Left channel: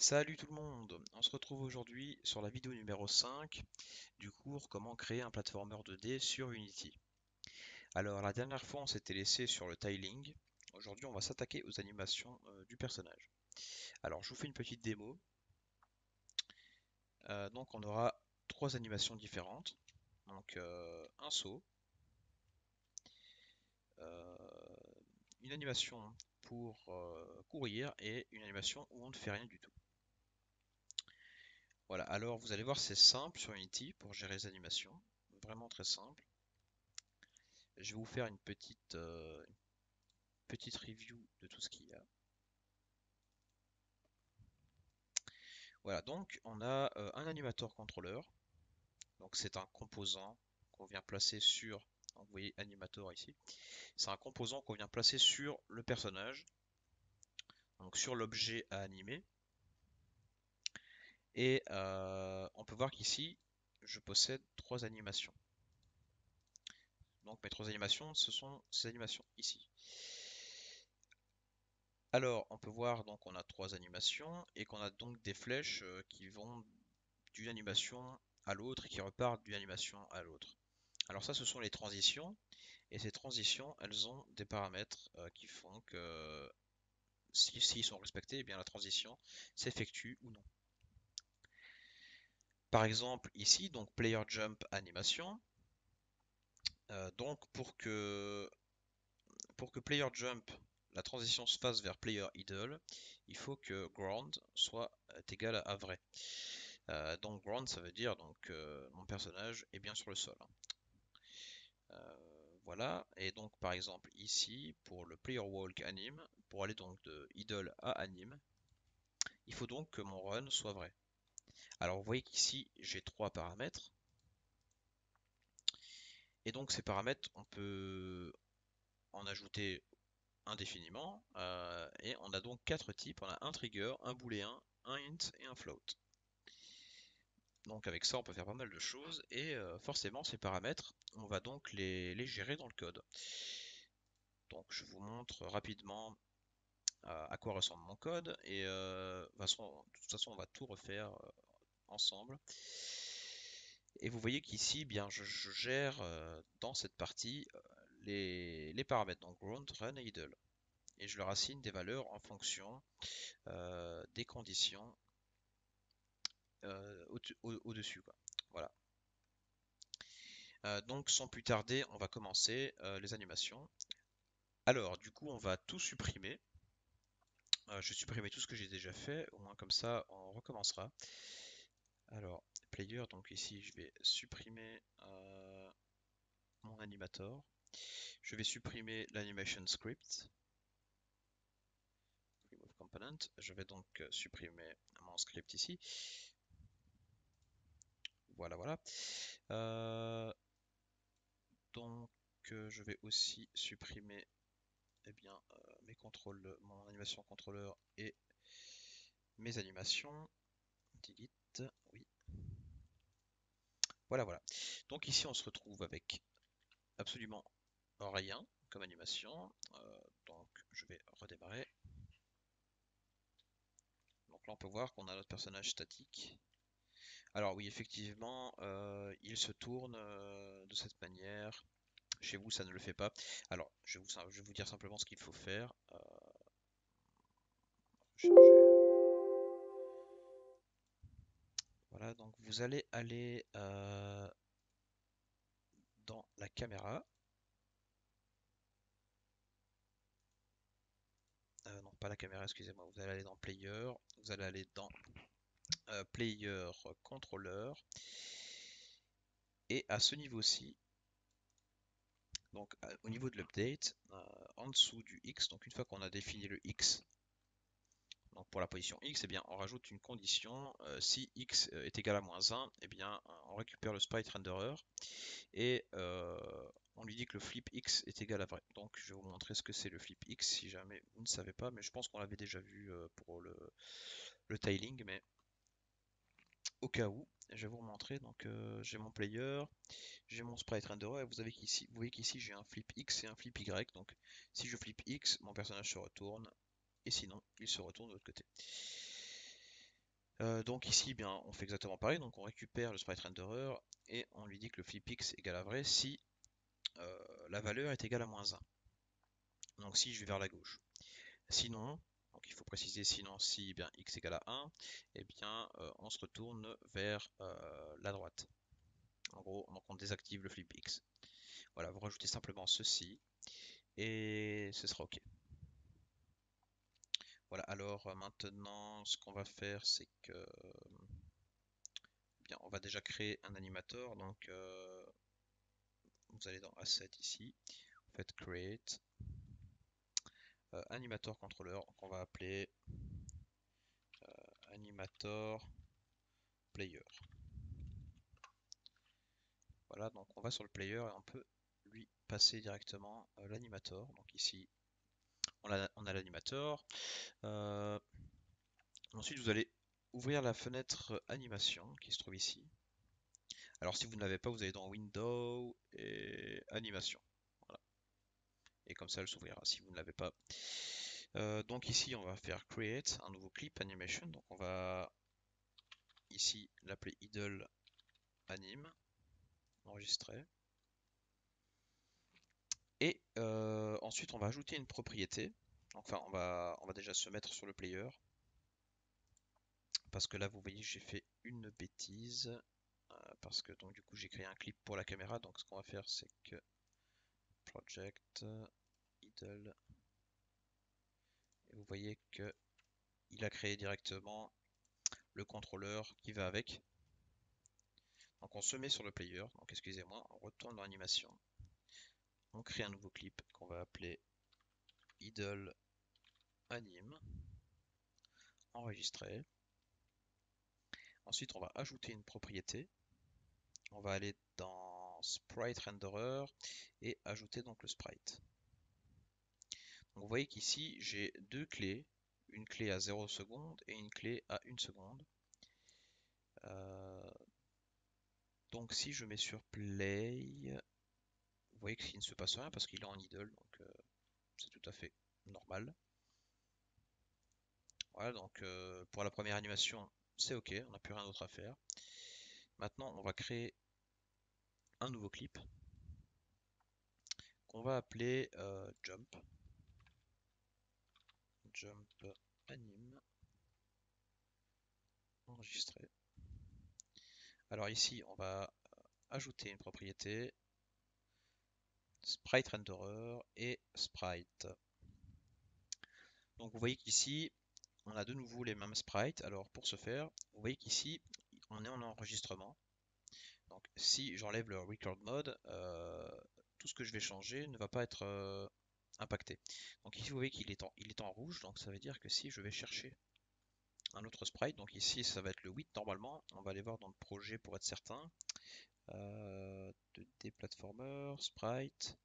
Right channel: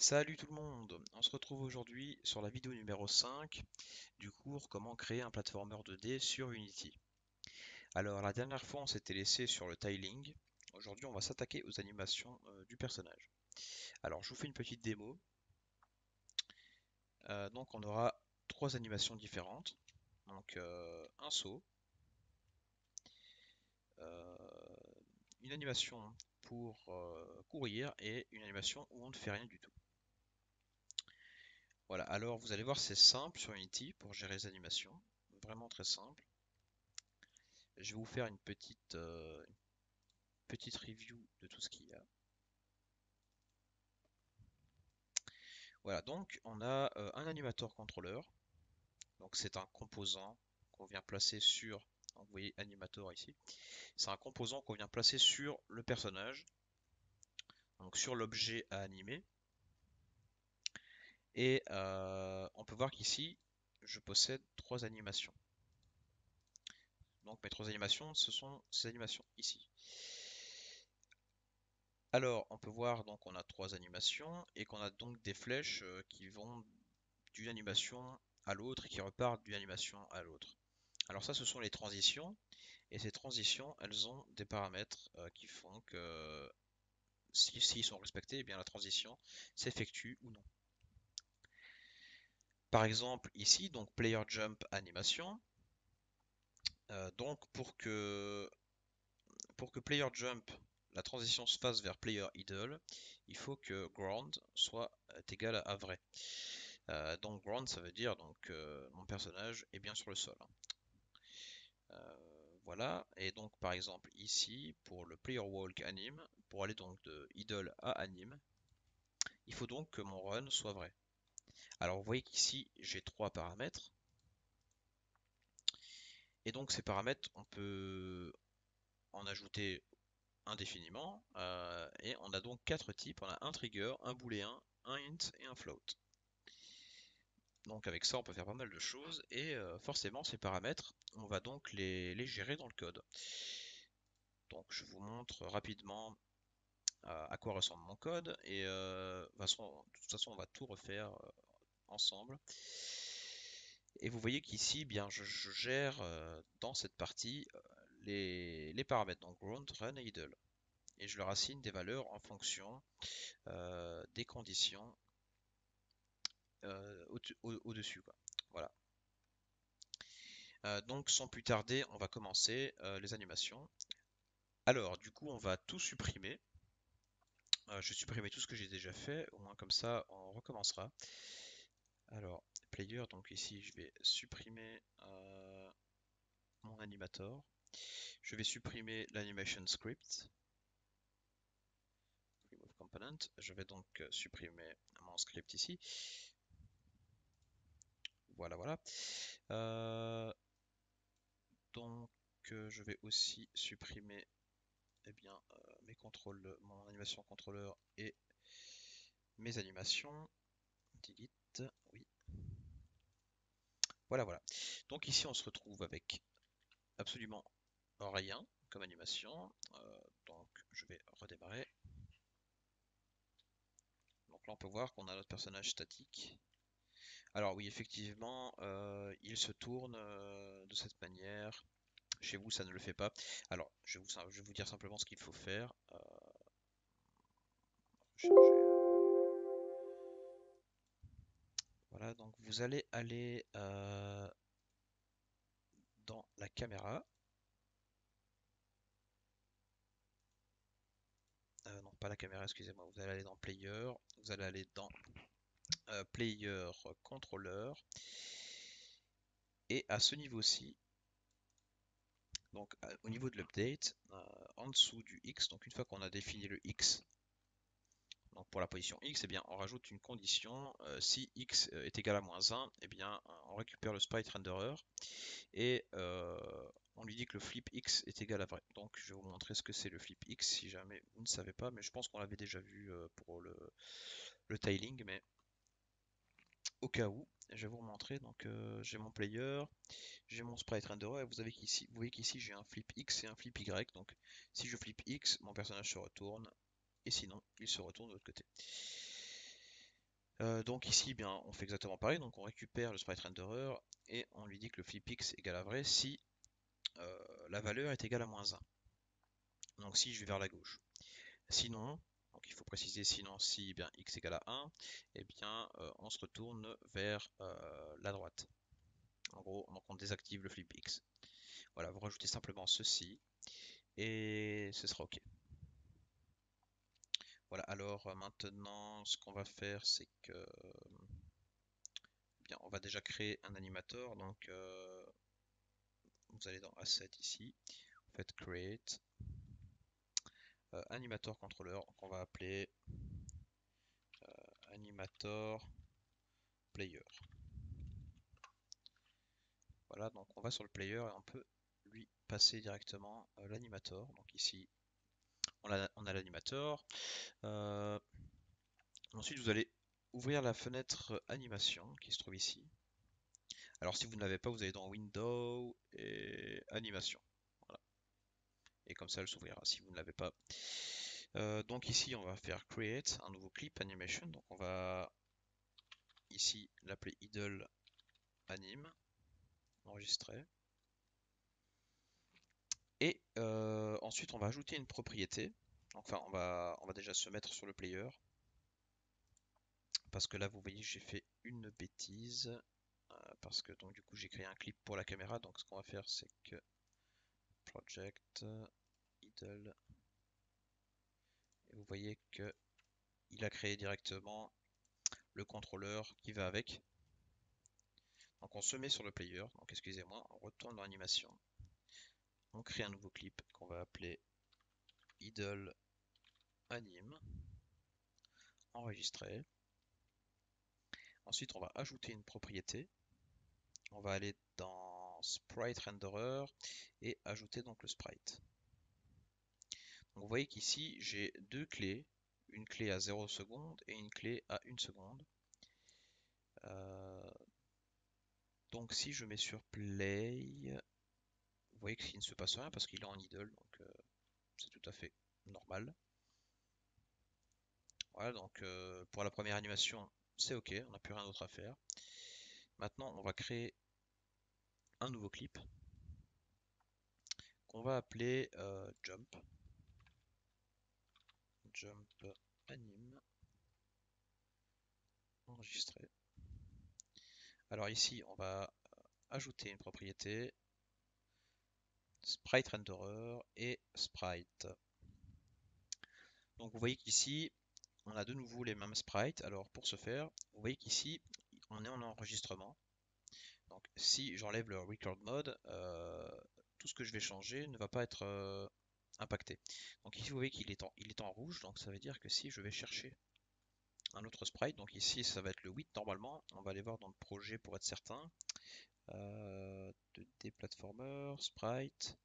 Salut tout le monde, on se retrouve aujourd'hui sur la vidéo numéro 5 du cours Comment créer un platformer 2D sur Unity. Alors la dernière fois on s'était laissé sur le tiling, aujourd'hui on va s'attaquer aux animations du personnage. Alors je vous fais une petite démo. Donc on aura trois animations différentes, donc un saut, euh, une animation pour courir et une animation où on ne fait rien du tout. Voilà, alors vous allez voir, c'est simple sur Unity pour gérer les animations, vraiment très simple. Je vais vous faire une petite review de tout ce qu'il y a. Voilà, donc on a un animateur contrôleur. Donc c'est un composant qu'on vient placer sur. Donc, vous voyez animator ici. C'est un composant qu'on vient placer sur le personnage, donc sur l'objet à animer. Et on peut voir qu'ici, je possède trois animations. Donc mes trois animations, ce sont ces animations ici. Alors, on peut voir donc on a trois animations et qu'on a donc des flèches qui vont d'une animation à l'autre et qui repartent d'une animation à l'autre. Alors ça, ce sont les transitions et ces transitions, elles ont des paramètres qui font que s'ils sont respectés, eh bien la transition s'effectue ou non. Par exemple ici, donc player jump animation. Donc pour que player jump, la transition se fasse vers player idle, il faut que ground soit égal à vrai. Donc ground, ça veut dire donc mon personnage est bien sur le sol. Voilà, et donc par exemple ici, pour le player walk anime, pour aller donc de idle à anime, il faut donc que mon run soit vrai. Alors vous voyez qu'ici j'ai trois paramètres, et donc ces paramètres on peut en ajouter indéfiniment, et on a donc quatre types, on a un trigger, un booléen, un int et un float. Donc avec ça on peut faire pas mal de choses, et forcément ces paramètres, on va donc les gérer dans le code. Donc je vous montre rapidement à quoi ressemble mon code et de toute façon on va tout refaire ensemble. Et vous voyez qu'ici, bien, je gère dans cette partie les paramètres, donc ground, run et idle. Et je leur assigne des valeurs en fonction des conditions au-dessus, quoi. Voilà. Donc sans plus tarder, on va commencer les animations. Alors, du coup, on va tout supprimer. Je vais supprimer tout ce que j'ai déjà fait, au moins comme ça, on recommencera. Alors, player, donc ici, je vais supprimer mon animator. Je vais supprimer l'animation script. Remove component. Je vais donc supprimer mon script ici. Voilà, voilà. Donc, je vais aussi supprimer eh bien, mes contrôles, mon animation contrôleur et mes animations. Delete, oui. Voilà, voilà. Donc ici, on se retrouve avec absolument rien comme animation. Donc, je vais redémarrer. Donc là, on peut voir qu'on a notre personnage statique. Alors oui, effectivement, il se tourne de cette manière. Chez vous, ça ne le fait pas. Alors, je vais vous dire simplement ce qu'il faut faire. Recharger. Voilà, donc vous allez aller dans la caméra. Non, pas la caméra, excusez-moi. Vous allez aller dans Player. Vous allez aller dans Player Controller. Et à ce niveau-ci, donc au niveau de l'update, en dessous du X, donc une fois qu'on a défini le X, donc pour la position X, eh bien, on rajoute une condition. Si X est égal à -1, eh bien, on récupère le sprite renderer et on lui dit que le flip X est égal à vrai. Donc je vais vous montrer ce que c'est le flip X si jamais vous ne savez pas, mais je pense qu'on l'avait déjà vu pour le tiling, mais au cas où, je vais vous montrer. Donc j'ai mon player, j'ai mon sprite renderer, et vous voyez qu'ici j'ai un flip X et un flip Y. Donc si je flip X, mon personnage se retourne, et sinon il se retourne de l'autre côté. Donc ici, bien, on fait exactement pareil. Donc on récupère le sprite renderer et on lui dit que le flipx égale à vrai si la valeur est égale à -1. Donc si je vais vers la gauche. Sinon, donc il faut préciser sinon si bien x égale à 1, et bien on se retourne vers la droite. En gros, donc on désactive le flipx. Voilà, vous rajoutez simplement ceci et ce sera OK. Voilà, alors maintenant ce qu'on va faire c'est que bien, on va déjà créer un animateur. Donc vous allez dans Asset ici, vous faites Create Animator Controller qu'on va appeler Animator Player. Voilà, donc on va sur le player et on peut lui passer directement l'animator. Donc ici on a l'animator. Ensuite vous allez ouvrir la fenêtre animation qui se trouve ici. Alors si vous ne l'avez pas, vous allez dans Windows et Animation. Voilà. Et comme ça elle s'ouvrira si vous ne l'avez pas. Donc ici on va faire Create un nouveau clip animation. Donc on va ici l'appeler idle anime, enregistrer. Et ensuite on va ajouter une propriété. Enfin on va déjà se mettre sur le player. Parce que là vous voyez j'ai fait une bêtise. Parce que donc du coup j'ai créé un clip pour la caméra. Donc ce qu'on va faire c'est que project idle. Et vous voyez que il a créé directement le contrôleur qui va avec. Donc on se met sur le player. Donc excusez-moi, on retourne dans l'animation. On crée un nouveau clip qu'on va appeler idle anime, enregistrer. Ensuite on va ajouter une propriété. On va aller dans sprite renderer et ajouter donc le sprite. Donc vous voyez qu'ici j'ai deux clés, une clé à 0 secondes et une clé à 1 seconde. Donc si je mets sur play, vous voyez qu'il ne se passe rien parce qu'il est en idle, donc c'est tout à fait normal. Voilà, donc pour la première animation, c'est OK, on n'a plus rien d'autre à faire. Maintenant, on va créer un nouveau clip qu'on va appeler Jump. Jump anime. Enregistrer. Alors ici, on va ajouter une propriété sprite renderer et sprite. Donc vous voyez qu'ici, on a de nouveau les mêmes sprites. Alors pour ce faire, vous voyez qu'ici, on est en enregistrement. Donc si j'enlève le record mode, tout ce que je vais changer ne va pas être impacté. Donc ici vous voyez qu'il est en rouge, donc ça veut dire que si je vais chercher un autre sprite, donc ici ça va être le 8 normalement, on va aller voir dans le projet pour être certain. 2D platformer, sprite,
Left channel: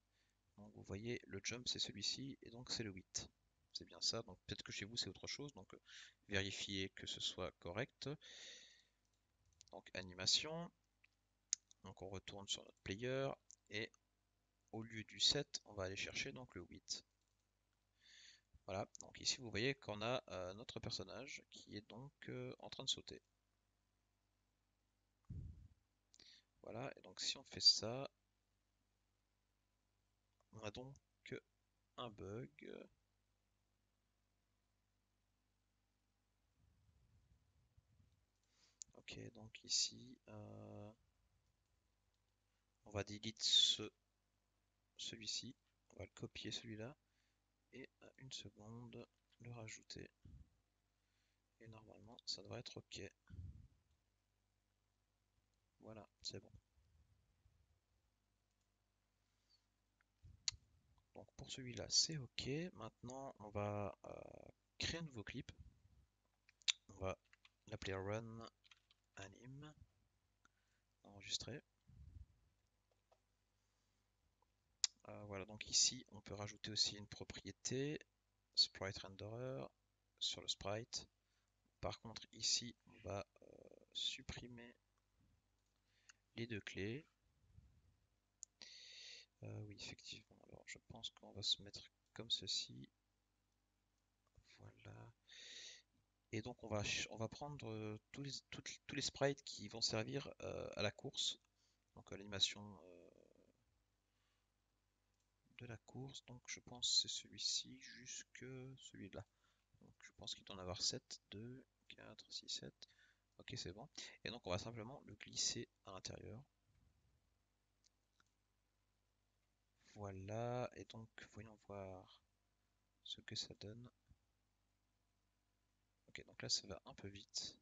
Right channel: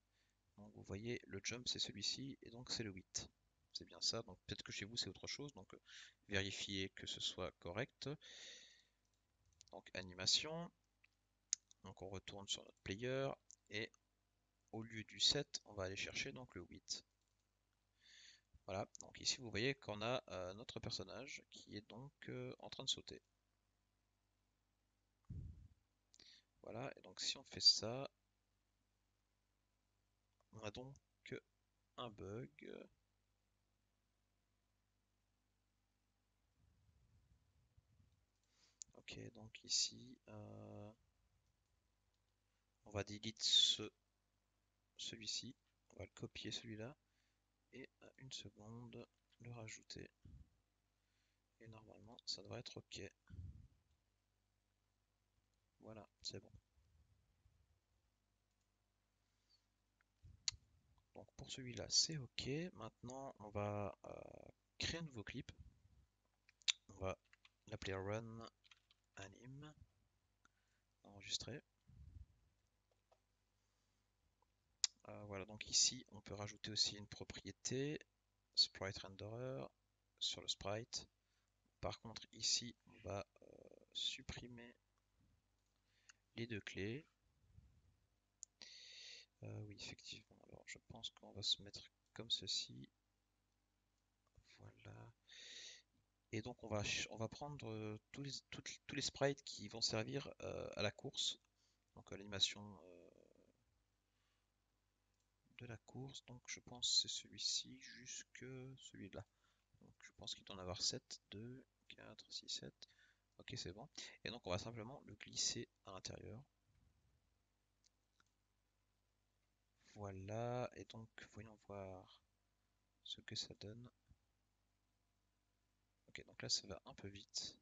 donc vous voyez le jump c'est celui-ci et donc c'est le 8. C'est bien ça, donc peut-être que chez vous c'est autre chose, donc vérifiez que ce soit correct. Donc animation, donc on retourne sur notre player et au lieu du 7, on va aller chercher donc le 8. Voilà, donc ici vous voyez qu'on a notre personnage qui est donc en train de sauter. Voilà, et donc si on fait ça, on a donc un bug. Ok, donc ici, on va delete celui-ci, on va le copier celui-là, et à 1 seconde, le rajouter. Et normalement, ça devrait être ok. Voilà, c'est bon. Donc pour celui-là, c'est ok. Maintenant, on va créer un nouveau clip. On va l'appeler Run Anime. Enregistrer. Voilà, donc ici, on peut rajouter aussi une propriété Sprite Renderer sur le sprite. Par contre, ici, on va supprimer les deux clés. Oui, effectivement. Alors, je pense qu'on va se mettre comme ceci. Voilà. Et donc on va prendre tous les sprites qui vont servir à la course, donc à l'animation de la course. Donc je pense que c'est celui-ci jusque celui-là. Donc je pense qu'il doit en avoir 7, 2, 4, 6, 7. Ok, c'est bon. Et donc on va simplement le glisser à l'intérieur. Voilà, et donc voyons voir ce que ça donne. Ok, donc là ça va un peu vite.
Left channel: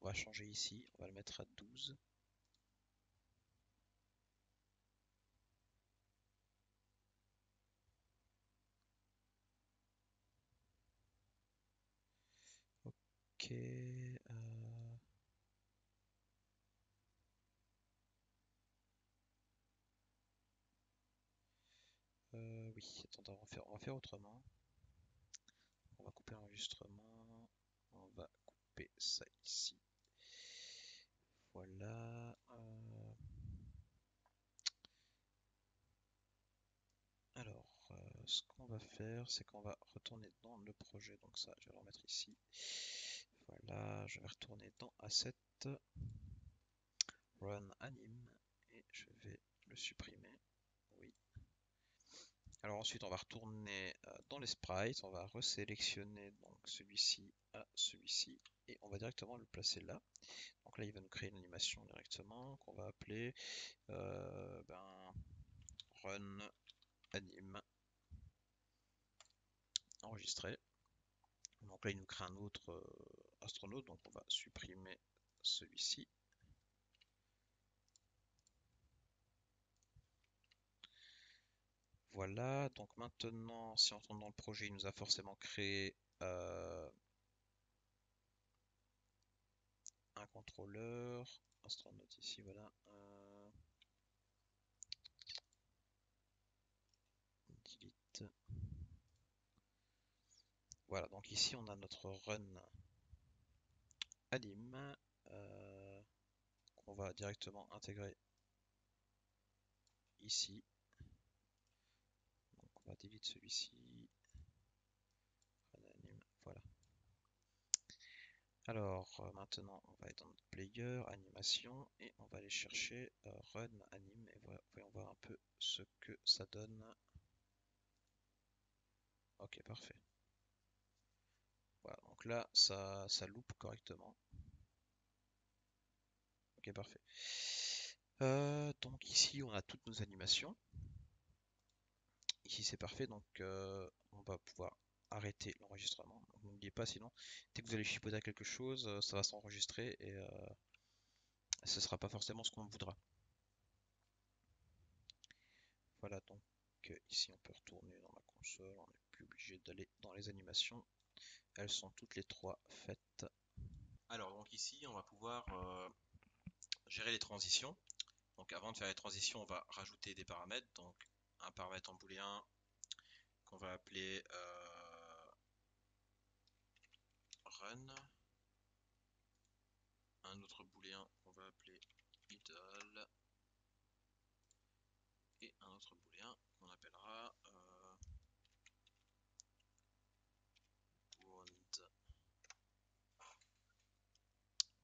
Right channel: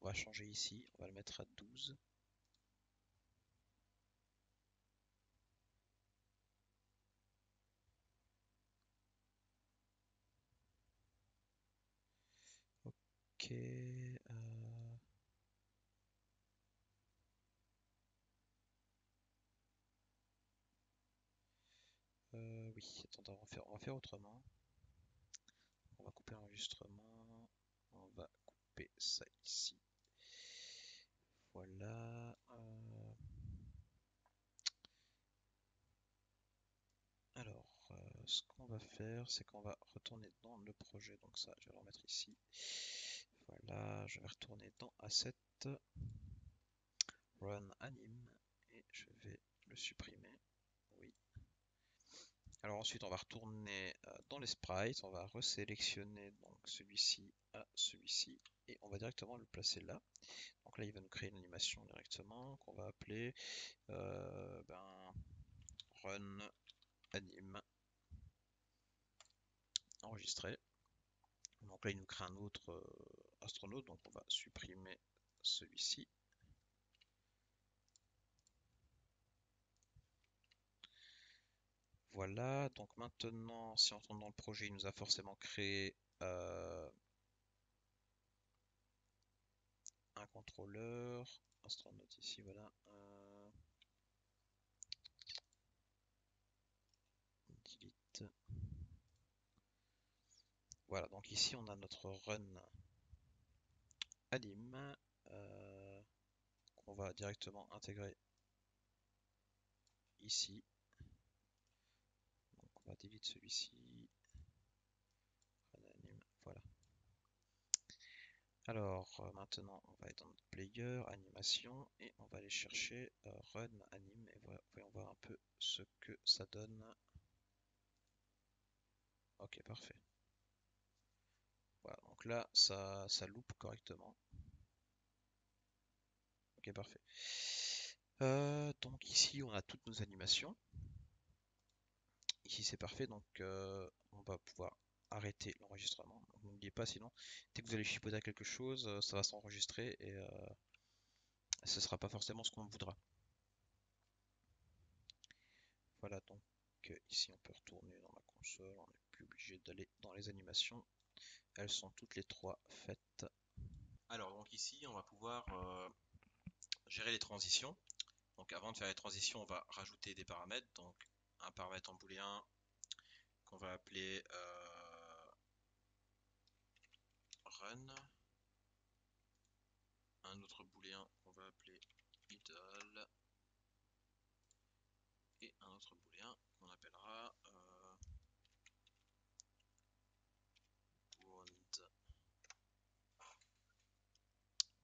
On va changer ici, on va le mettre à 12. Ok, oui, attends, on va faire autrement. On va couper l'enregistrement. On va couper ça ici. Voilà. Alors, ce qu'on va faire, c'est qu'on va retourner dans le projet. Donc ça, je vais le remettre ici. Voilà, je vais retourner dans Asset, Run Anim, et je vais le supprimer. Oui. Alors ensuite, on va retourner dans les sprites. On va resélectionner donc celui-ci à celui-ci, et on va directement le placer là. Donc là, il va nous créer une animation directement qu'on va appeler Run Anim enregistré. Donc là, il nous crée un autre astronaute, donc on va supprimer celui-ci. Voilà, donc maintenant, si on retourne dans le projet, il nous a forcément créé un contrôleur, astronaute ici, voilà. Delete. Voilà, donc ici on a notre run anim qu'on va directement intégrer ici. Donc on va delete celui-ci. Run anim, voilà. Alors maintenant on va être dans notre player, animation, et on va aller chercher run anim, et voyons voir un peu ce que ça donne. Ok, parfait. Voilà, donc là ça loupe correctement. Ok, parfait. Donc ici on a toutes nos animations. Ici c'est parfait, donc on va pouvoir arrêter l'enregistrement. N'oubliez pas, sinon dès que vous allez chipoter à quelque chose, ça va s'enregistrer et ce sera pas forcément ce qu'on voudra. Voilà, donc ici on peut retourner dans la console, on n'est plus obligé d'aller dans les animations. Elles sont toutes les trois faites. Alors donc ici on va pouvoir gérer les transitions. Donc avant de faire les transitions, on va rajouter des paramètres. Donc un paramètre en booléen qu'on va appeler run, un autre booléen qu'on va appeler idle, et un autre booléen qu'on appellera wound.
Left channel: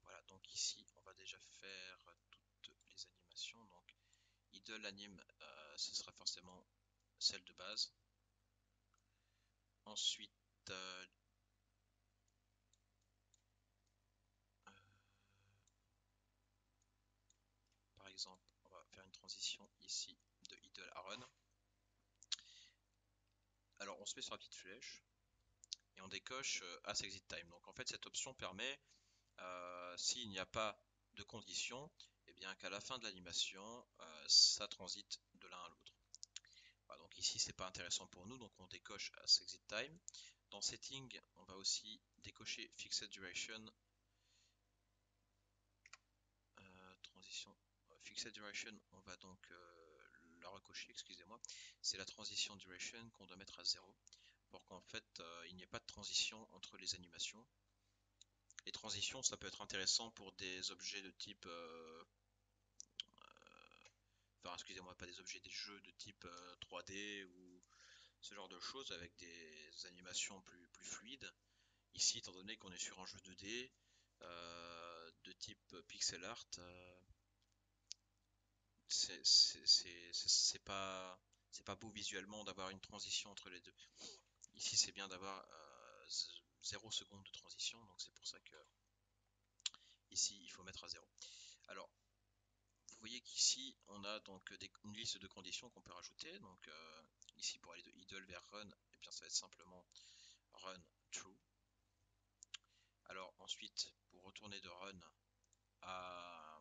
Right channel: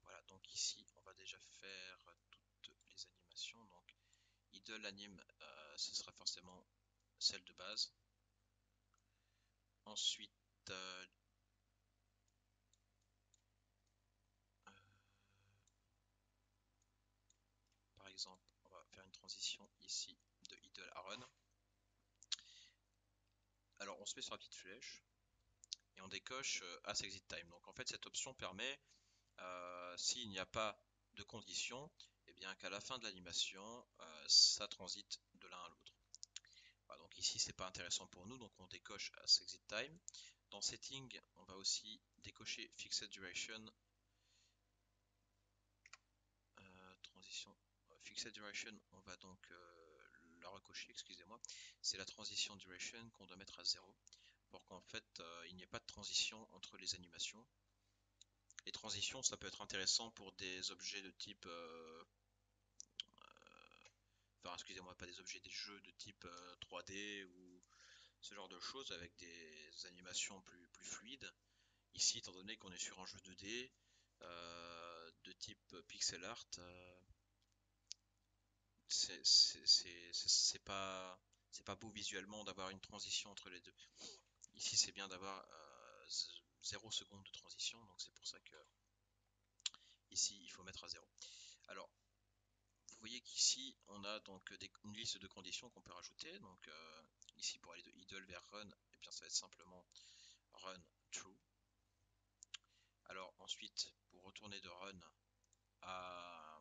Voilà, donc ici on va déjà faire toutes les animations. Donc idle anime, ce sera forcément celle de base. Ensuite par exemple, on va faire une transition ici de idle à run. Alors on se met sur la petite flèche et on décoche as exit time. Donc en fait cette option permet, s'il n'y a pas de condition, et bien qu'à la fin de l'animation, ça transite de l'un à l'autre. Voilà, donc ici c'est pas intéressant pour nous, donc on décoche as exit time. Dans setting, on va aussi décocher fixed duration, transition fixed duration, on va donc la recocher, excusez-moi, c'est la transition duration qu'on doit mettre à 0 pour qu'en fait il n'y ait pas de transition entre les animations. Les transitions, ça peut être intéressant pour des objets de type enfin excusez-moi, pas des objets, des jeux de type 3D ou ce genre de choses avec des animations plus fluides. ici, étant donné qu'on est sur un jeu 2D de type pixel art, c'est pas beau visuellement d'avoir une transition entre les deux. Ici, c'est bien d'avoir 0 seconde de transition, donc c'est pour ça que ici, il faut mettre à 0. Alors, vous voyez qu'ici, on a donc une liste de conditions qu'on peut rajouter. Donc ici, pour aller de idle vers run, eh bien, ça va être simplement run true. Alors ensuite, pour retourner de run à,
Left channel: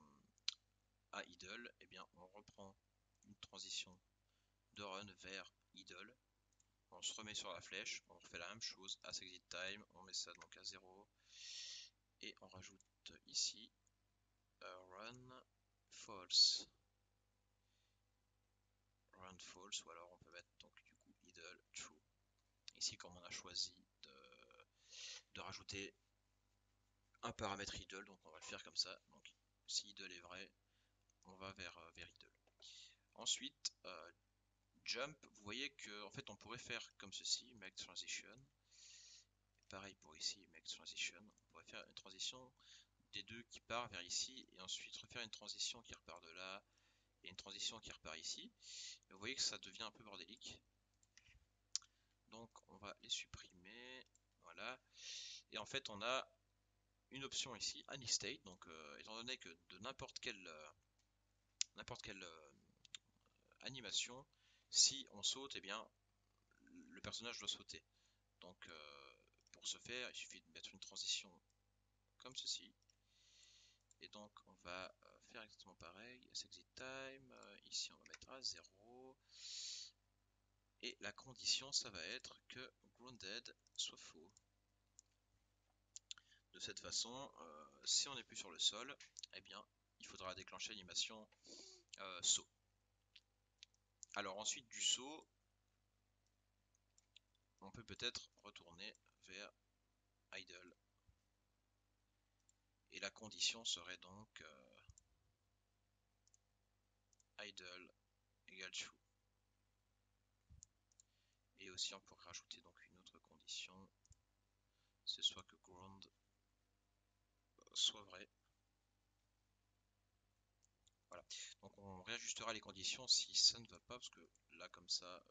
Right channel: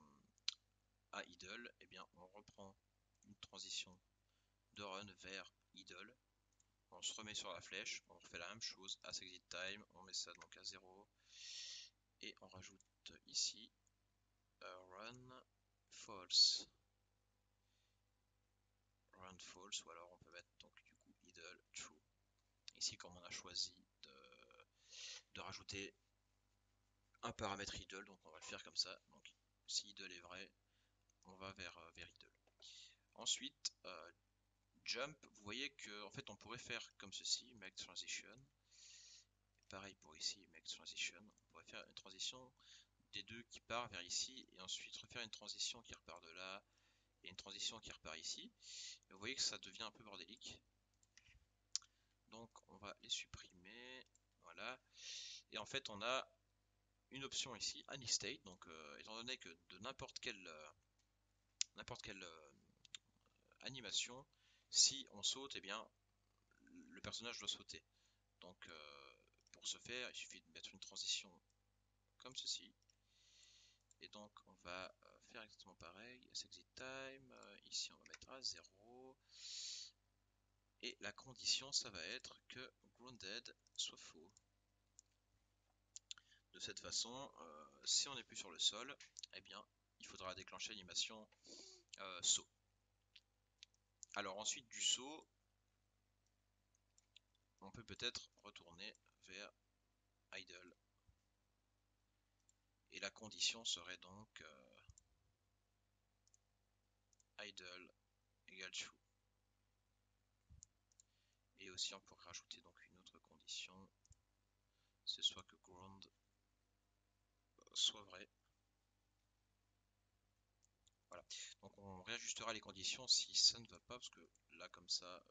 idle, eh bien, on reprend une transition de run vers idle. On se remet sur la flèche, on refait la même chose, as exit time, on met ça donc à 0 et on rajoute ici run false. Run false, ou alors on peut mettre donc du coup idle true. Ici, comme on a choisi de rajouter un paramètre idle, donc on va le faire comme ça. Donc si idle est vrai, on va vers idle. Ensuite, jump, vous voyez que en fait on pourrait faire comme ceci, make transition. Pareil pour ici, make transition. On pourrait faire une transition des deux qui part vers ici et ensuite refaire une transition qui repart de là et une transition qui repart ici. Et vous voyez que ça devient un peu bordélique. Donc on va les supprimer. Voilà. Et en fait on a une option ici, any state. Donc étant donné que de n'importe quelle animation, si on saute, eh bien le personnage doit sauter. Donc pour ce faire, il suffit de mettre une transition comme ceci. Et donc on va faire exactement pareil, exit time, ici on va mettre à 0. Et la condition, ça va être que grounded soit faux. De cette façon, si on n'est plus sur le sol, eh bien il faudra déclencher l'animation saut. Alors ensuite du saut, on peut peut-être retourner vers idle. Et la condition serait donc idle égale true. Et aussi on pourrait rajouter donc une autre condition, c'est soit que ground soit vrai. Voilà. Donc on réajustera les conditions si ça ne va pas, parce que là comme ça,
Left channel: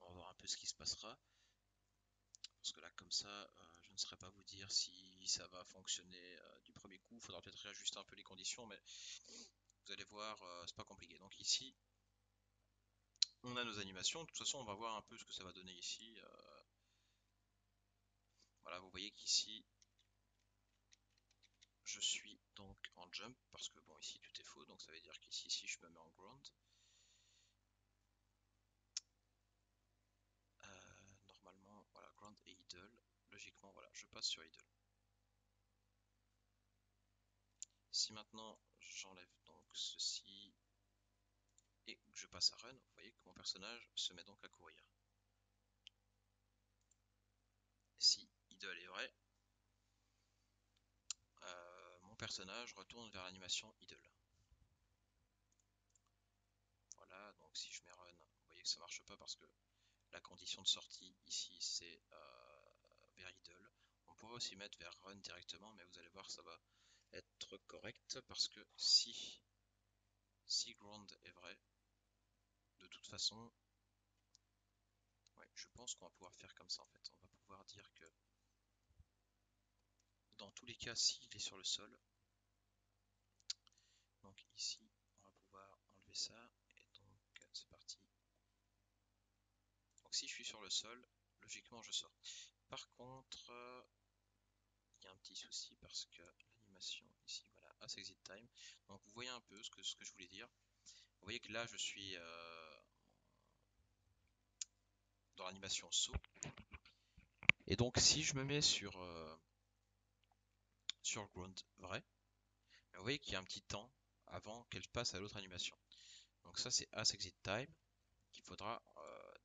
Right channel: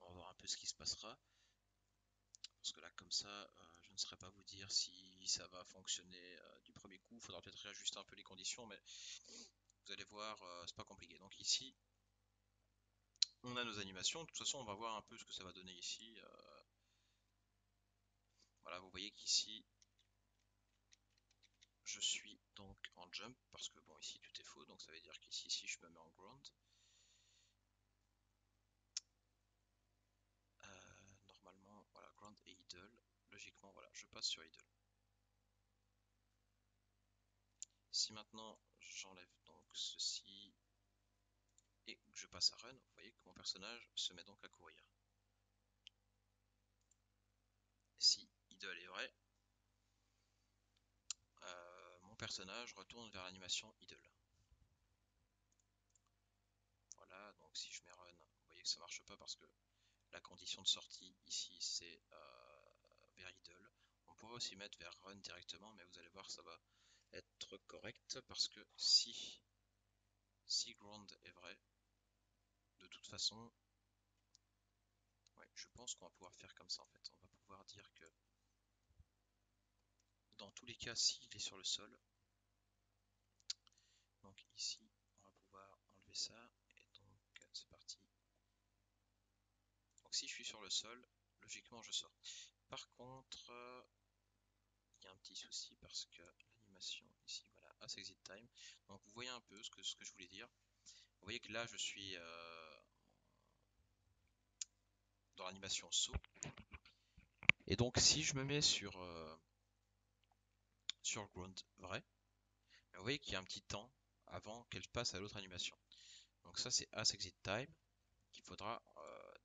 on va voir un peu ce qui se passera. Parce que là comme ça, je ne saurais pas vous dire si ça va fonctionner du premier coup. Il faudra peut-être réajuster un peu les conditions, mais vous allez voir, c'est pas compliqué. Donc ici, on a nos animations. De toute façon, on va voir un peu ce que ça va donner ici. Voilà, vous voyez qu'ici, je suis donc en jump, parce que bon, ici tout est faux, donc ça veut dire qu'ici, si je me mets en ground, normalement, voilà, ground et idle, logiquement, voilà, je passe sur idle. Si maintenant, j'enlève donc ceci, et que je passe à run, vous voyez que mon personnage se met donc à courir. Si idle est vrai, mon personnage retourne vers l'animation idle. Voilà, donc si je mets run, vous voyez que ça marche pas parce que la condition de sortie ici c'est vers idle. On pourrait aussi mettre vers run directement, mais vous allez voir ça va être correct parce que si ground est vrai, de toute façon, ouais, je pense qu'on va pouvoir faire comme ça en fait. On va pouvoir dire que dans tous les cas, s'il est sur le sol, donc ici, on va pouvoir enlever ça, et donc c'est parti. Donc si je suis sur le sol, logiquement je sors. Par contre, il y a un petit souci parce que l'animation ici, voilà, as exit time. Donc vous voyez un peu ce que je voulais dire. Vous voyez que là je suis dans l'animation saut. Et donc si je me mets sur ground vrai, vous voyez qu'il y a un petit temps avant qu'elle passe à l'autre animation. Donc ça c'est as exit time qu'il faudra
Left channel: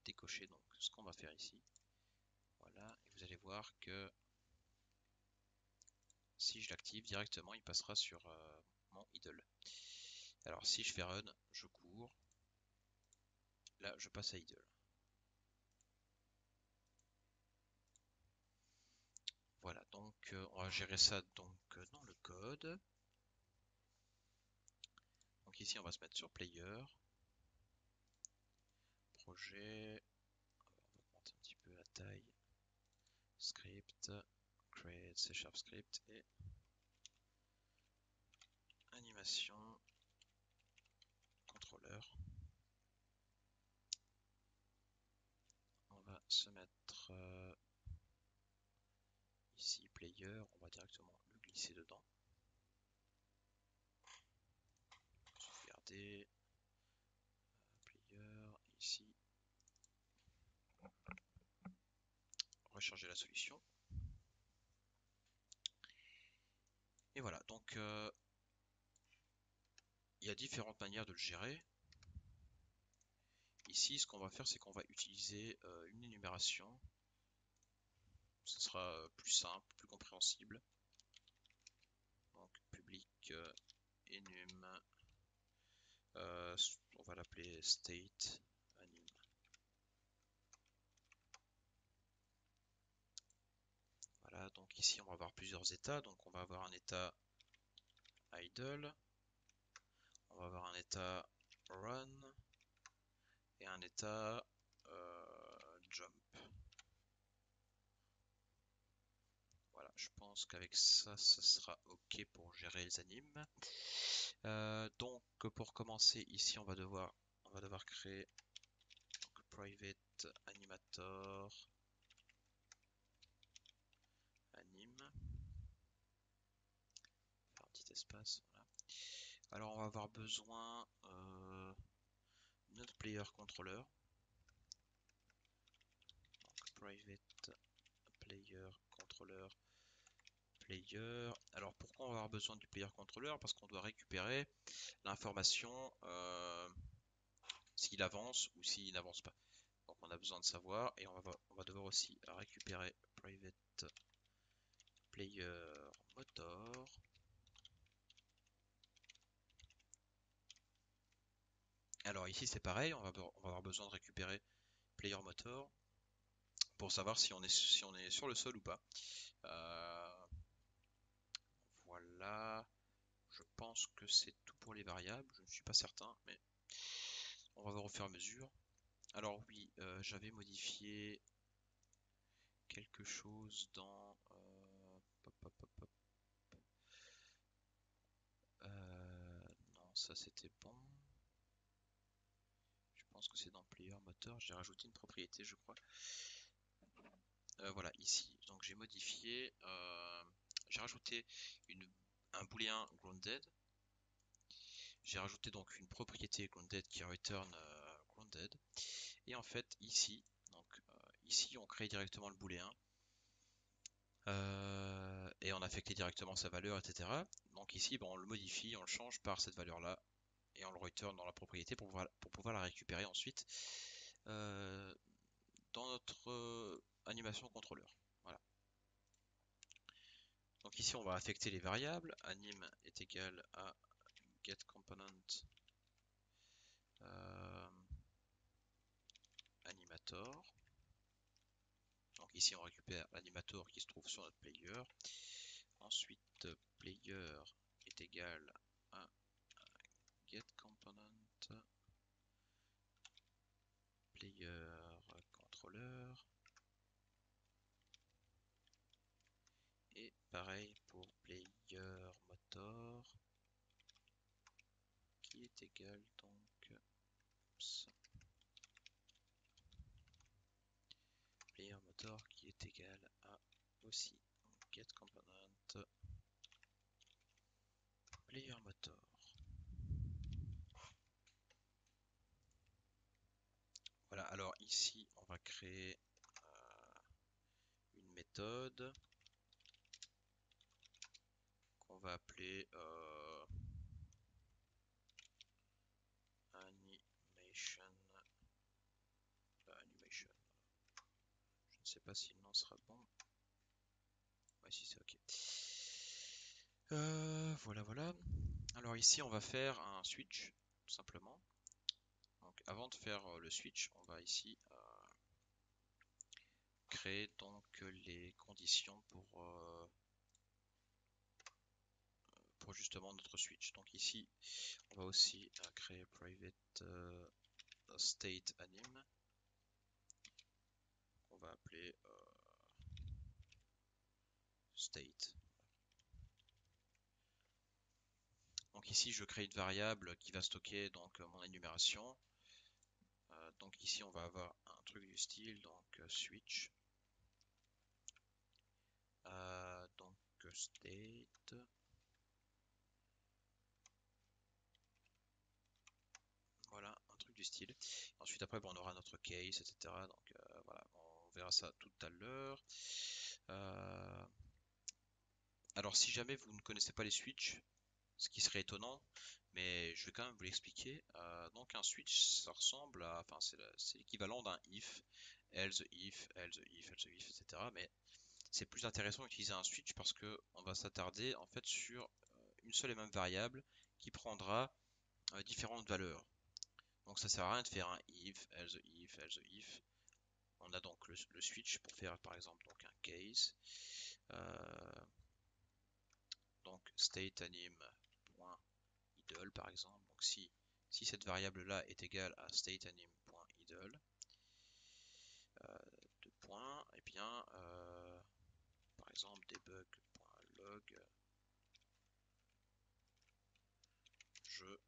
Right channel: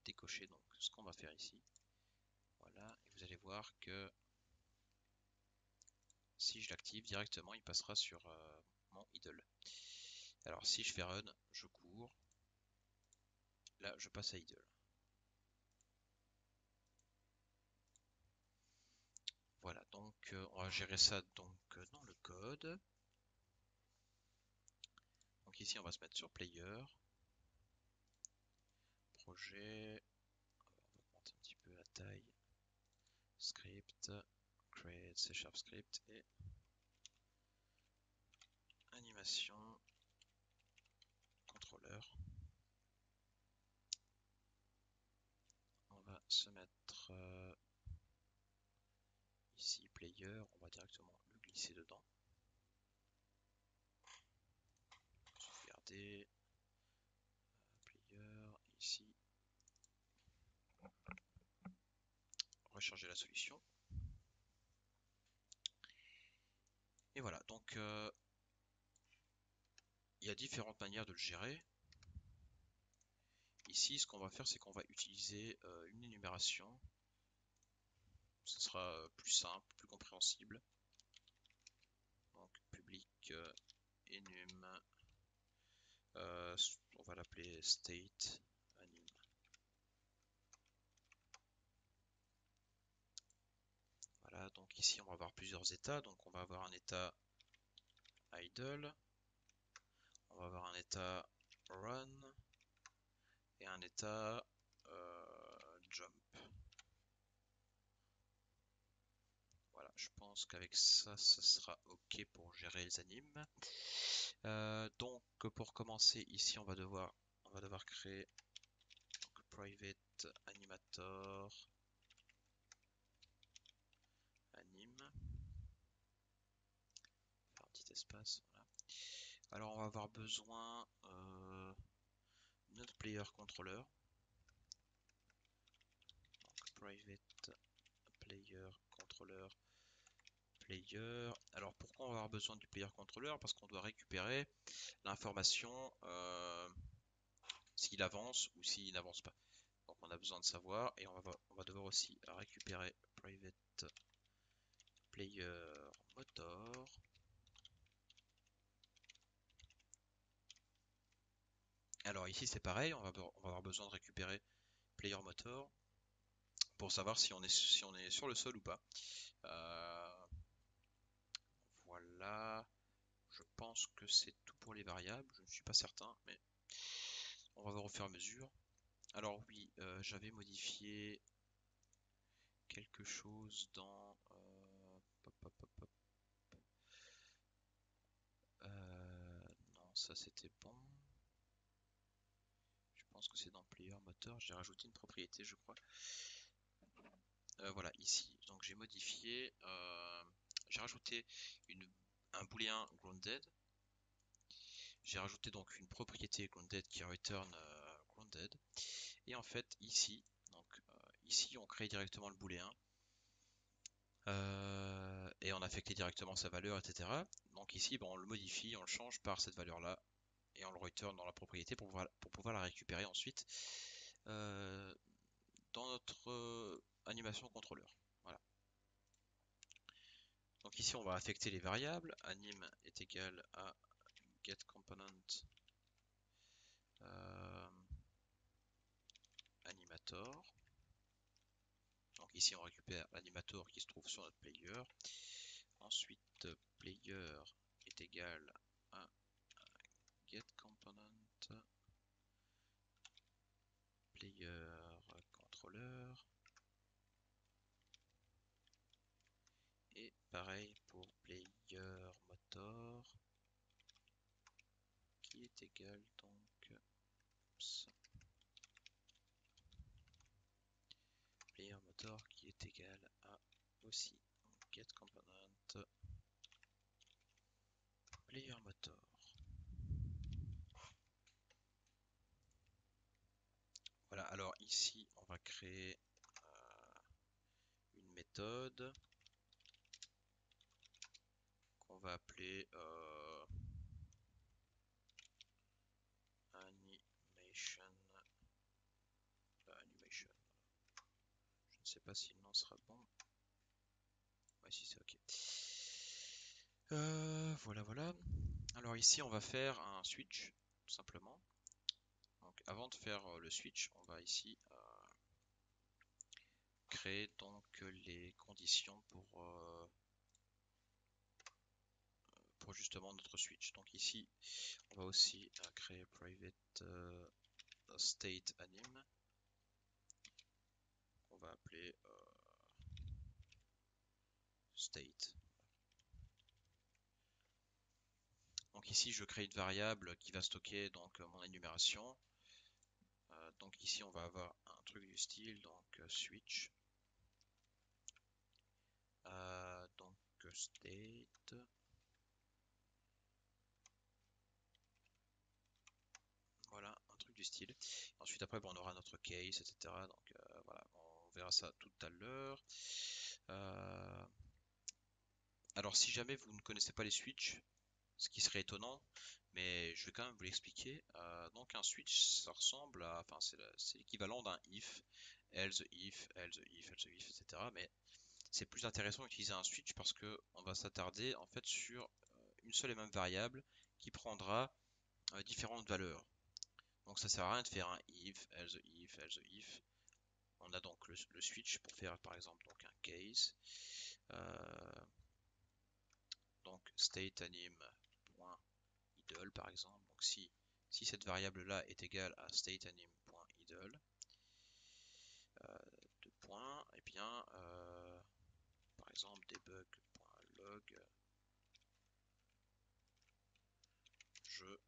décocher. Donc ce qu'on va faire ici. Voilà, et vous allez voir que si je l'active directement, il passera sur mon idle. Alors si je fais run, je cours. Là, je passe à idle. on va gérer ça donc dans le code. Donc ici on va se mettre sur player, projet, on va augmenter un petit peu la taille, script, create C# script et animation contrôleur. On va se mettre ici player, on va directement le glisser dedans. Sauvegarder, player, ici, recharger la solution. Et voilà, donc il y a différentes manières de le gérer. Ici, ce qu'on va faire, c'est qu'on va utiliser une énumération. Ce sera plus simple, plus compréhensible. Donc public enum, on va l'appeler state anim. Voilà, donc ici on va avoir plusieurs états. Donc on va avoir un état idle, on va avoir un état run et un état jump. Voilà, je pense qu'avec ça, ce sera ok pour gérer les animes. Donc pour commencer, ici on va devoir créer donc, private animator anime. Faire un petit espace, voilà. Alors on va avoir besoin notre player controller. Donc private player controller player. Alors pourquoi on va avoir besoin du player controller? Parce qu'on doit récupérer l'information s'il avance ou s'il n'avance pas. Donc on a besoin de savoir et on va devoir aussi récupérer private player motor. Alors ici c'est pareil, on va avoir besoin de récupérer player motor pour savoir si on est sur le sol ou pas. Voilà, je pense que c'est tout pour les variables, je ne suis pas certain, mais on va voir au fur et à mesure. Alors oui, j'avais modifié quelque chose dans non, ça c'était bon. Je pense que c'est dans player moteur. J'ai rajouté une propriété, je crois. Voilà, ici. Donc j'ai modifié. J'ai rajouté un booléen grounded. J'ai rajouté donc une propriété grounded qui return grounded. Et en fait, ici, ici, on crée directement le booléen. Et on affectait directement sa valeur, etc. Donc ici, on le modifie, on le change par cette valeur-là. Et on le return dans la propriété pour pouvoir la récupérer ensuite dans notre animation contrôleur. Voilà. Donc ici on va affecter les variables. Anim est égal à getComponent animator. Donc ici on récupère l'animator qui se trouve sur notre player. Ensuite player est égal à getComponent player controller. Et pareil pour player motor qui est égal donc player motor qui est égal à aussi getComponent player motor. Voilà, alors ici on va créer une méthode qu'on va appeler animation. Je ne sais pas si le nom sera bon. Ouais, si c'est ok. Voilà. Alors ici on va faire un switch tout simplement. Donc avant de faire le switch, on va ici créer donc les conditions pour pour justement notre switch. Donc ici, on va aussi créer private state anim. On va appeler state. Donc ici, je crée une variable qui va stocker donc mon énumération. Donc ici, on va avoir un truc du style donc switch. Donc state. Voilà, un truc du style. Ensuite, après, bon, on aura notre case, etc. Donc voilà, on verra ça tout à l'heure. Alors, si jamais vous ne connaissez pas les switches, ce qui serait étonnant, mais je vais quand même vous l'expliquer. Donc, un switch, ça ressemble à, enfin, c'est l'équivalent d'un if, else if, else if, else if, etc. Mais c'est plus intéressant d'utiliser un switch parce que on va s'attarder en fait sur une seule et même variable qui prendra différentes valeurs. Donc ça sert à rien de faire un if, else if, else if. On a donc le switch pour faire par exemple donc un case. Donc state anim.idle par exemple. Donc si cette variable là est égale à state anim.idle, deux points, et bien par exemple debug.log, je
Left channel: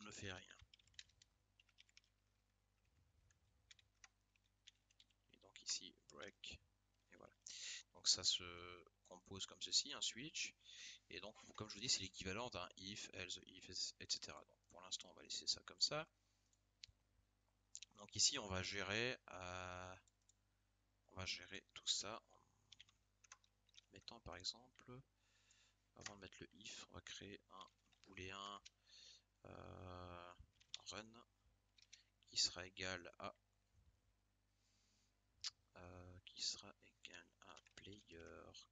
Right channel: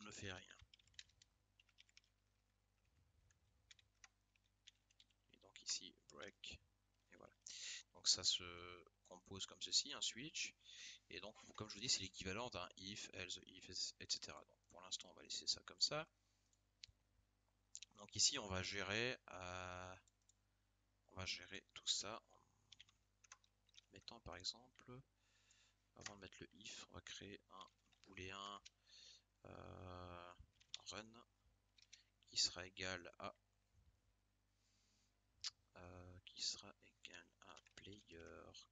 ne fais rien. Et donc ici break, et voilà. Donc ça se compose comme ceci, un switch. Et donc, comme je vous dis, c'est l'équivalent d'un if, else, if, etc. Donc, pour l'instant, on va laisser ça comme ça. Donc ici, on va gérer tout ça en mettant, par exemple, avant de mettre le if, on va créer un booléen run qui sera égal à player.x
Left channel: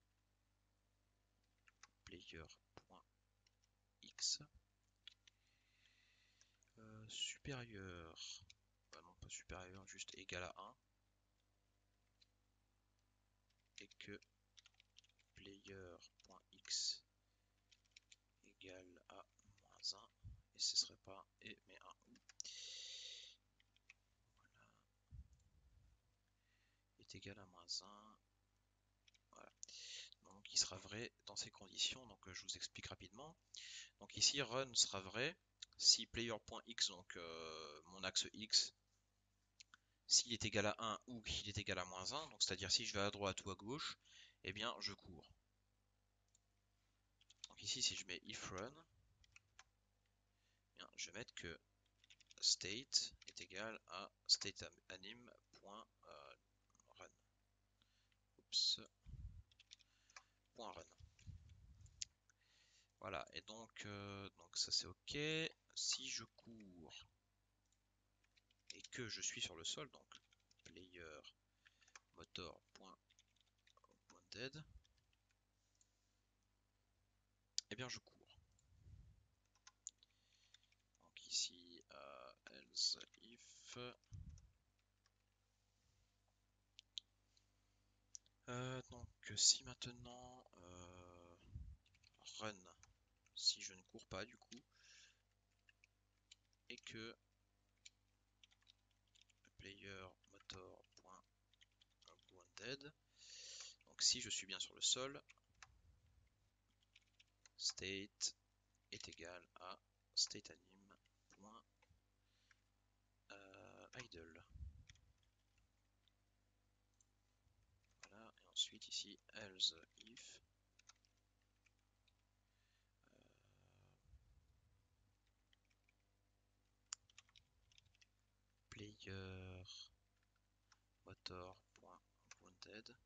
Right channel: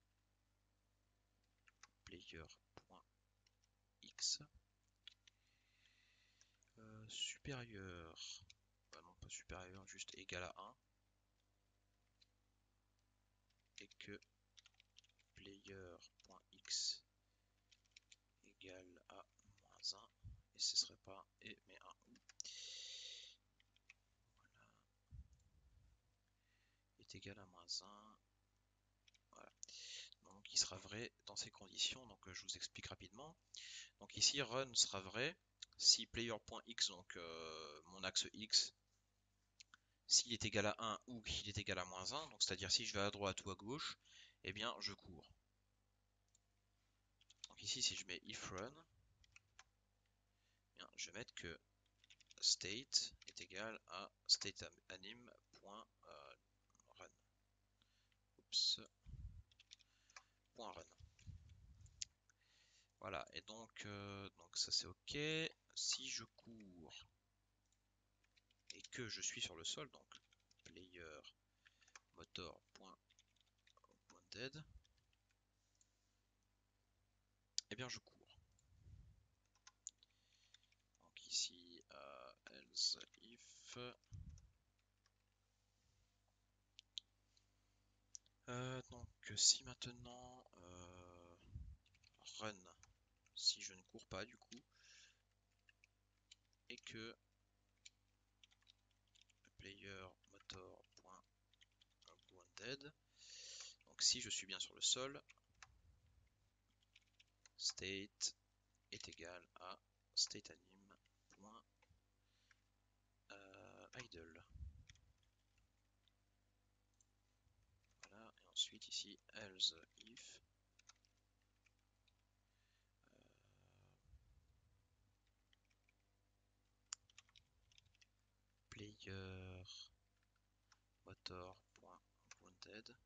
supérieur, bah non pas supérieur, juste égal à 1, et que player.x égale à moins 1, et ce serait pas et mais un ou. Voilà, est égal à moins 1. Voilà. Donc il sera vrai dans ces conditions, donc je vous explique rapidement. Donc ici run sera vrai si player.x, donc mon axe x, s'il est égal à 1 ou qu'il est égal à moins 1, donc c'est-à-dire si je vais à droite ou à gauche, eh bien je cours. Donc ici si je mets if run, eh bien, je vais mettre que state est égal à state anim.run. Oups. .run. Voilà, et donc ça c'est ok. Si je cours et que je suis sur le sol, donc player motor.dead, et bien je cours. Donc ici else if donc si maintenant run, si je ne cours pas du coup, et que player motor.dead, donc si je suis bien sur le sol, state est égal à state anim.idle. Voilà, et ensuite ici else if player motor.grounded.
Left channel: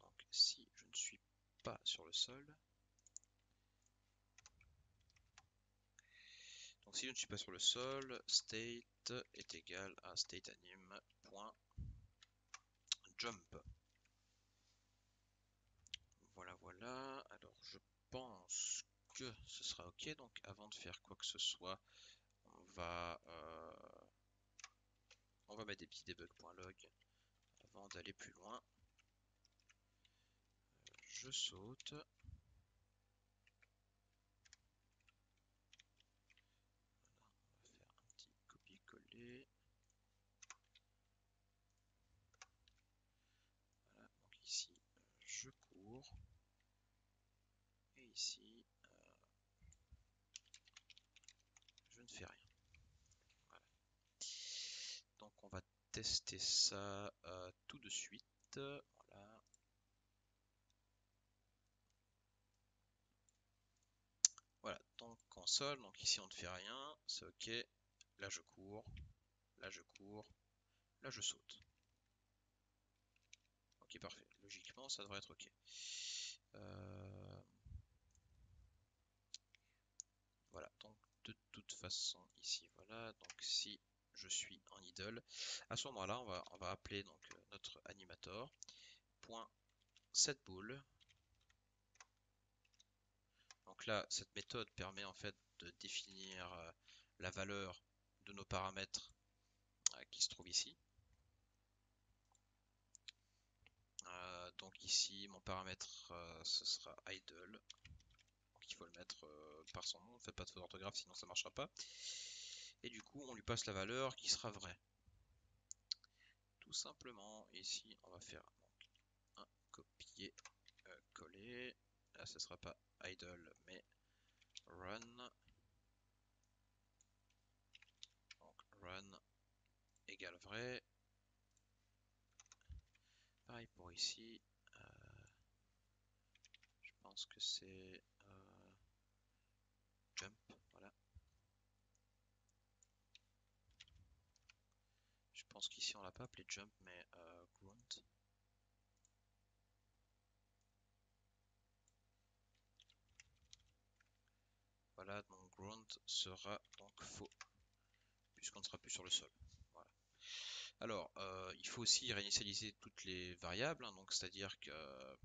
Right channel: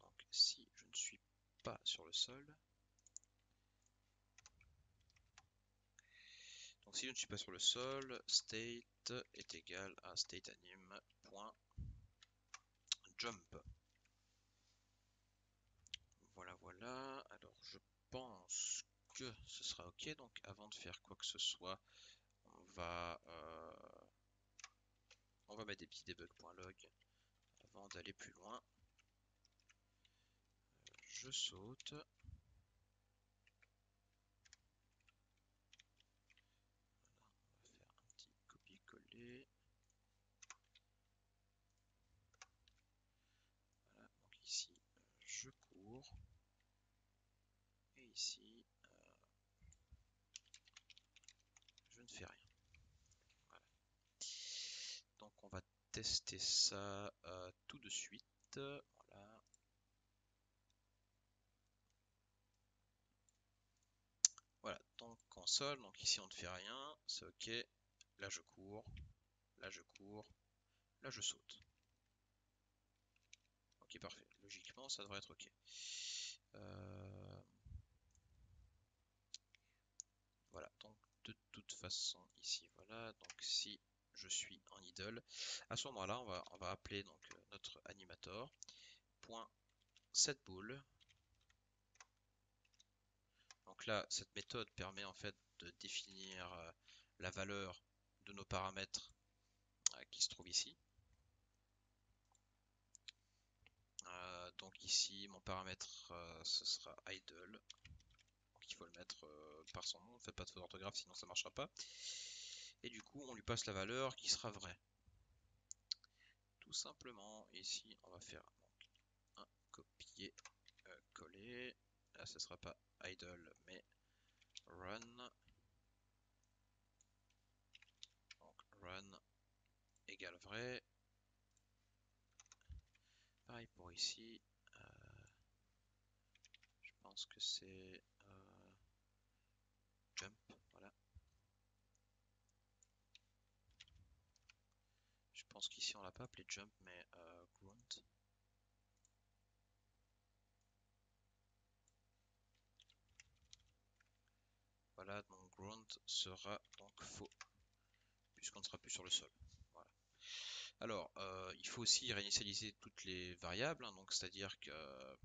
Donc si je ne suis pas sur le sol, donc si je ne suis pas sur le sol, state est égal à state anim.jump. Voilà, voilà. Alors je pense que ce sera ok. Donc avant de faire quoi que ce soit, on va mettre des petits debug.log avant d'aller plus loin. je saute. On va faire un petit copier-coller. Voilà, donc ici, je cours. Et ici, je ne fais rien. Voilà. Donc on va tester ça tout de suite. Voilà. Voilà, donc console, donc ici on ne fait rien, c'est ok. Là je cours, là je cours, là je saute. Ok, parfait. Logiquement, ça devrait être ok. Voilà, donc de toute façon, ici, voilà. Donc si je suis en idle, à ce moment-là, on va appeler donc notre animator. Point setBool. Donc là, cette méthode permet en fait de définir la valeur de nos paramètres qui se trouvent ici. Donc ici, mon paramètre, ce sera idle. Donc il faut le mettre par son nom, ne faites pas de faute d'orthographe, sinon ça ne marchera pas. Et du coup, on lui passe la valeur qui sera vraie. Tout simplement, ici, on va faire donc, un copier-coller. Là, ce ne sera pas idle, mais run. Donc run égale vrai. Pareil pour ici. Je pense que c'est jump, voilà. Je pense qu'ici on l'a pas appelé jump, mais grunt. Voilà, donc grunt sera donc faux, puisqu'on ne sera plus sur le sol. Voilà. Alors, il faut aussi réinitialiser toutes les variables, hein, donc c'est-à-dire que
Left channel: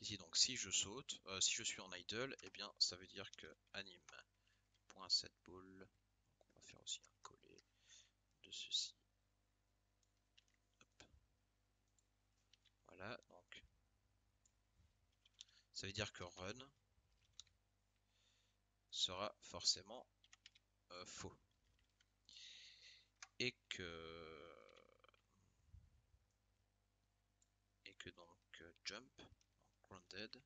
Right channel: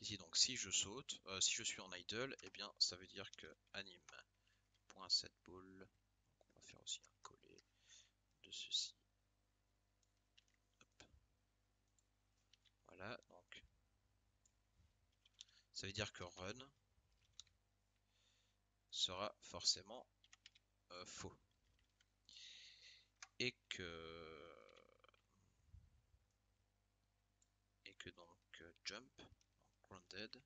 ici, donc si je saute, si je suis en idle, eh bien ça veut dire que anim.setBool, on va faire aussi un coller de ceci. Hop. Voilà, donc ça veut dire que run sera forcément faux. Et que donc jump, donc grounded,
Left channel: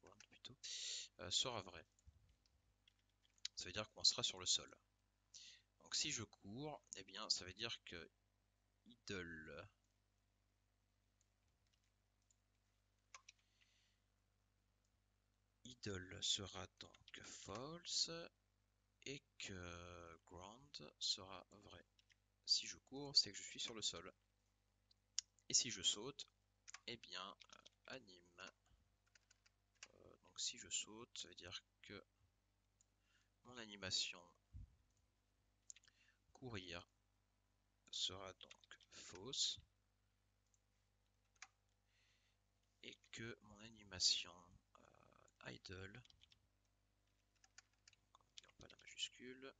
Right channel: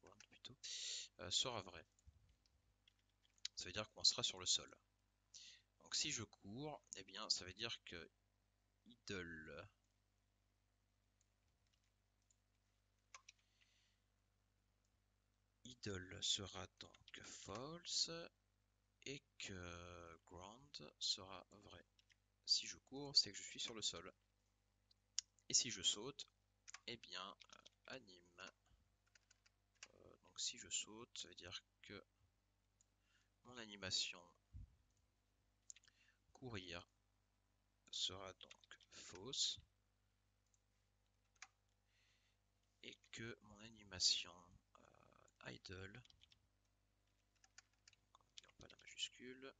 ground plutôt, sera vrai. Ça veut dire qu'on sera sur le sol. Donc si je cours, eh bien ça veut dire que idle sera donc false et que ground sera vrai. Si je cours, c'est que je suis sur le sol. Et si je saute, eh bien anim. Donc si je saute, ça veut dire que mon animation courir sera donc fausse et que mon animation idle, pas la majuscule,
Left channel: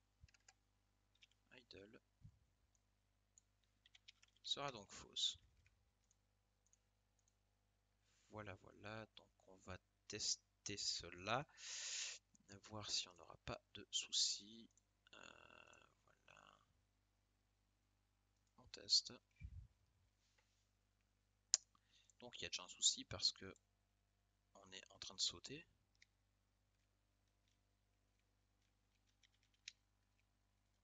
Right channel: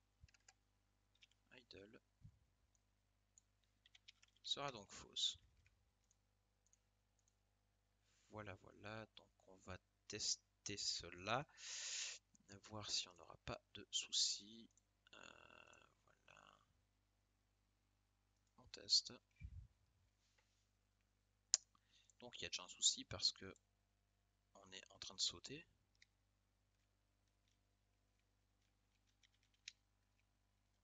idle, sera donc fausse. Voilà, voilà, donc on va tester cela, voir si on n'aura pas de soucis. Voilà, on teste. Donc il y a déjà un souci parce que on est en train de sauter.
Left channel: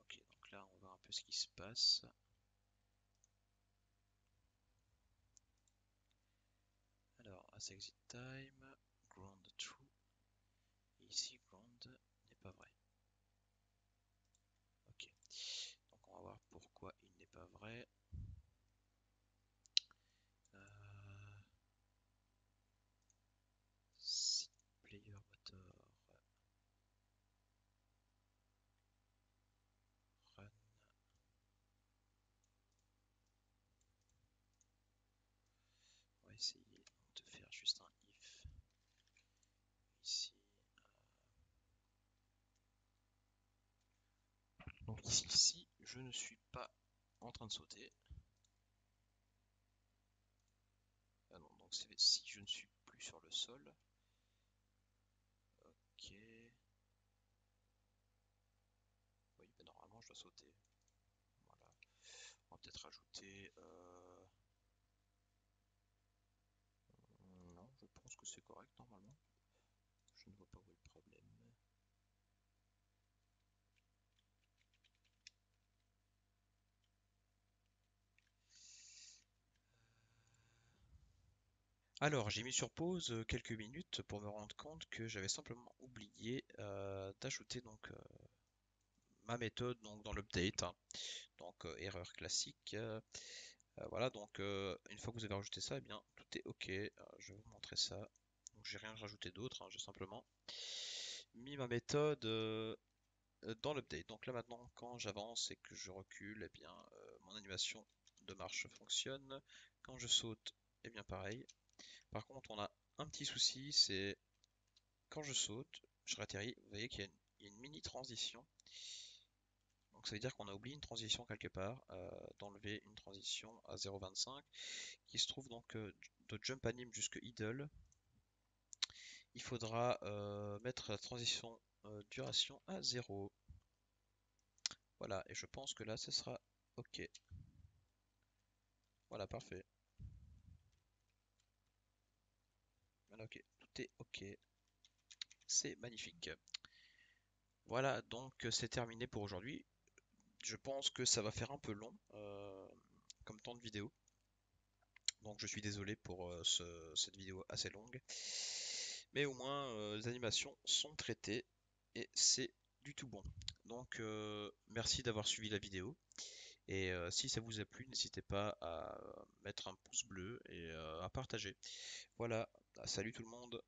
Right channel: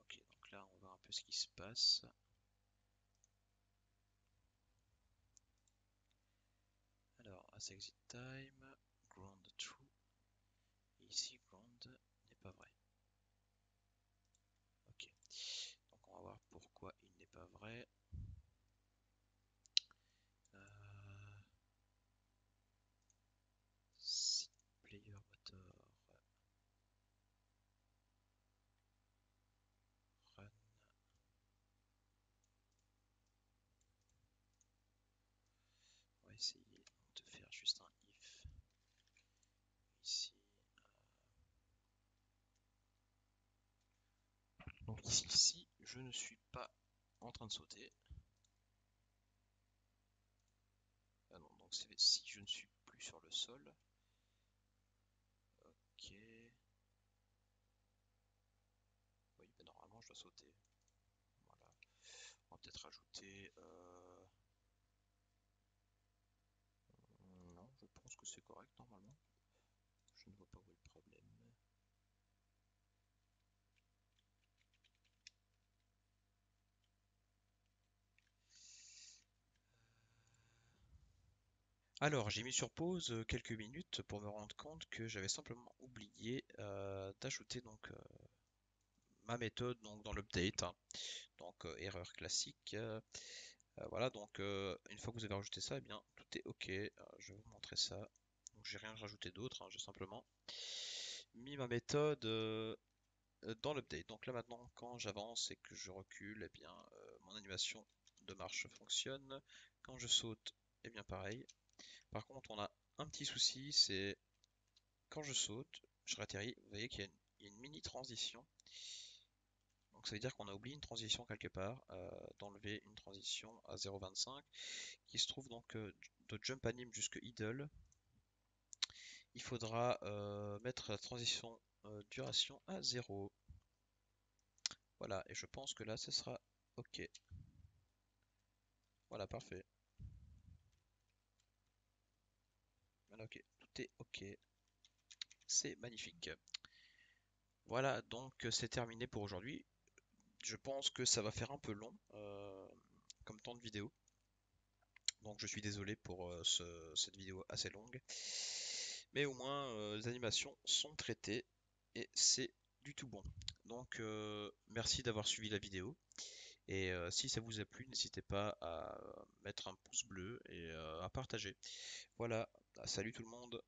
Ok, donc là on voit un peu ce qui se passe. Alors, as exit time, ground true. Et ici, ground n'est pas vrai. Ok, donc on va voir pourquoi il n'est pas vrai. Si player motor run, on va essayer de faire juste un if ici. Donc ici, si je ne suis pas en train de sauter, si je ne suis plus sur le sol. Ok. Oui, ben normalement je dois sauter. Voilà. On va peut-être rajouter. Non, je pense que c'est correct normalement. Je ne vois pas où est le problème. Alors, j'ai mis sur pause quelques minutes pour me rendre compte que j'avais simplement oublié d'ajouter donc ma méthode donc dans l'update, hein. Donc erreur classique. Voilà, donc une fois que vous avez rajouté ça, eh bien tout est ok. Je vais vous montrer ça. Donc j'ai rien rajouté d'autre, hein, j'ai simplement mis ma méthode dans l'update. Donc là maintenant, quand j'avance et que je recule, eh bien mon animation de marche fonctionne. Quand je saute, eh bien pareil. Par contre, on a un petit souci, c'est quand je saute, je ratterris, vous voyez qu'il y a une mini transition. Donc ça veut dire qu'on a oublié une transition quelque part, d'enlever une transition à 0,25 qui se trouve donc de jump anim jusque idle. Il faudra mettre la transition duration à 0. Voilà, et je pense que là ce sera ok. Voilà, parfait. Voilà, ok, tout est ok. C'est magnifique. Voilà, donc c'est terminé pour aujourd'hui. Je pense que ça va faire un peu long comme temps de vidéo. Donc je suis désolé pour cette vidéo assez longue. Mais au moins les animations sont traitées et c'est du tout bon. Donc merci d'avoir suivi la vidéo. Et si ça vous a plu, n'hésitez pas à mettre un pouce bleu et à partager. Voilà, salut tout le monde.